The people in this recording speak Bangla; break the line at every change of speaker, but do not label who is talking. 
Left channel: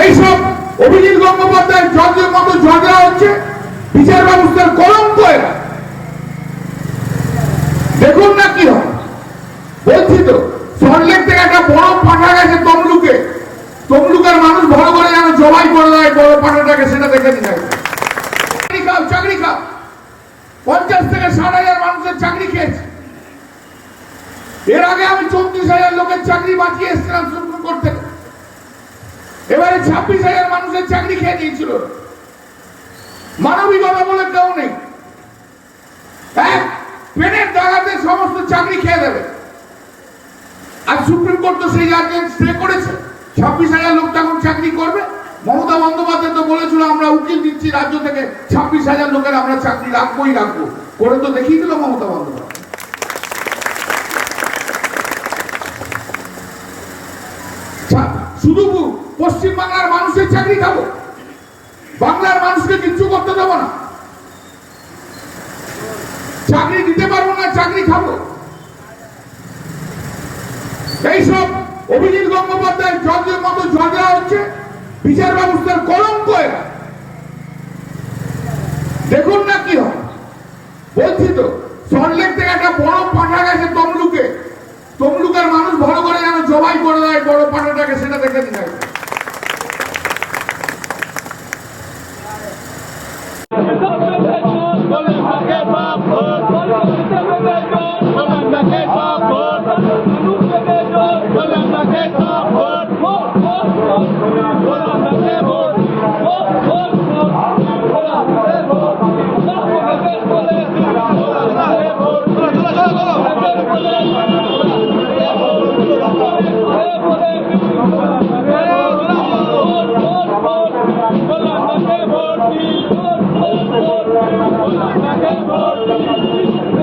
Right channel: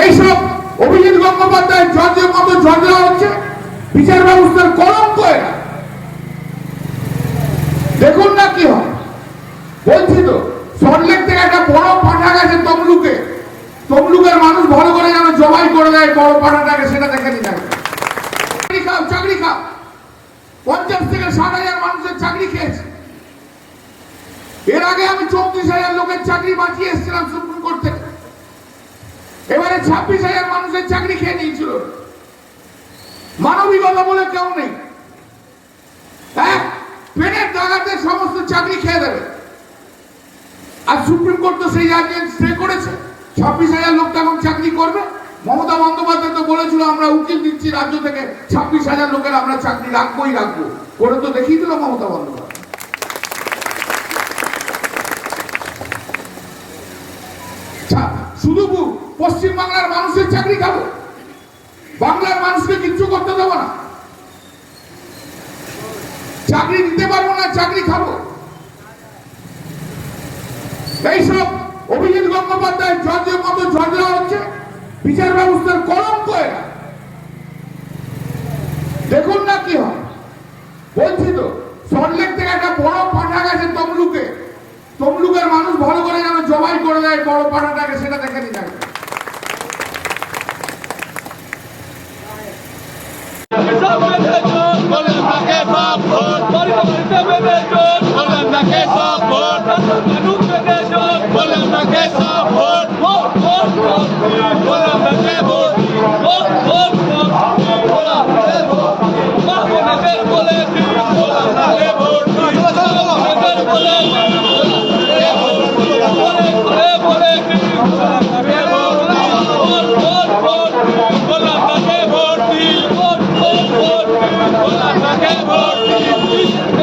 এইসব অভিজিৎ গঙ্গোপাধ্যায় জজের মতো দেওয়া হচ্ছে, বিচার ব্যবস্থার কলঙ্ক এরা দেখুন না কি হয়। বলছি তো সল্টলেক থেকে একটা বড় পাঠা গেছে তমলুকে। তমলুকের মানুষ ভালো করে যেন জবাই করে দেয় বড় পাঠাটাকে, সেটা দেখে নিতে। চাকরি খাও চাকরি খাও। পঞ্চাশ থেকে ষাট হাজার মানুষের চাকরি খেয়েছে। এর আগে আমি চৌত্রিশ হাজার লোকের চাকরি বাঁচিয়ে এসেছিলাম সুপ্রিম কোর্ট থেকে। ছাব্বিশ হাজার মানুষের চাকরি খেয়ে নিয়েছিল। মানবিকতা বলে কেউ নেই। হ্যাঁ? পেনের দাগাতে সমস্ত চাকরি খেয়ে দেবে। আর সুপ্রিম কোর্ট তো সেই জাজমেন্ট স্টে করেছে। ছাব্বিশ হাজার লোক তখন চাকরি করবে। মমতা বন্দ্যোপাধ্যায় তো বলেছিল, আমরা উকিল দিচ্ছি রাজ্য থেকে। ছাব্বিশ হাজার লোকের আমরা চাকরি রাখবোই, রাখব। করে তো দেখিয়ে দিল মমতা বন্দ্যোপাধ্যায়। শুধু পশ্চিম বাংলার মানুষের চাকরি খাব। বাংলার মানুষকে কিচ্ছু করতে দেবো না। চাকরি দিতে পারব না, চাকরি খাব। এইসব অভিজিৎ গঙ্গোপাধ্যায় জজের মতো জজ দেওয়া হচ্ছে, বিচার ব্যবস্থার কলঙ্ক এরা। দেখুন না কি হয়। বলছি তো সল্টলেক থেকে একটা বড় পাঠা গেছে তমলুকে। তমলুকের মানুষ ভালো করে যেন জবাই করে দেয় বড় পাঠাটাকে সেটা দেখে নিতে হবে।
ভোট দিন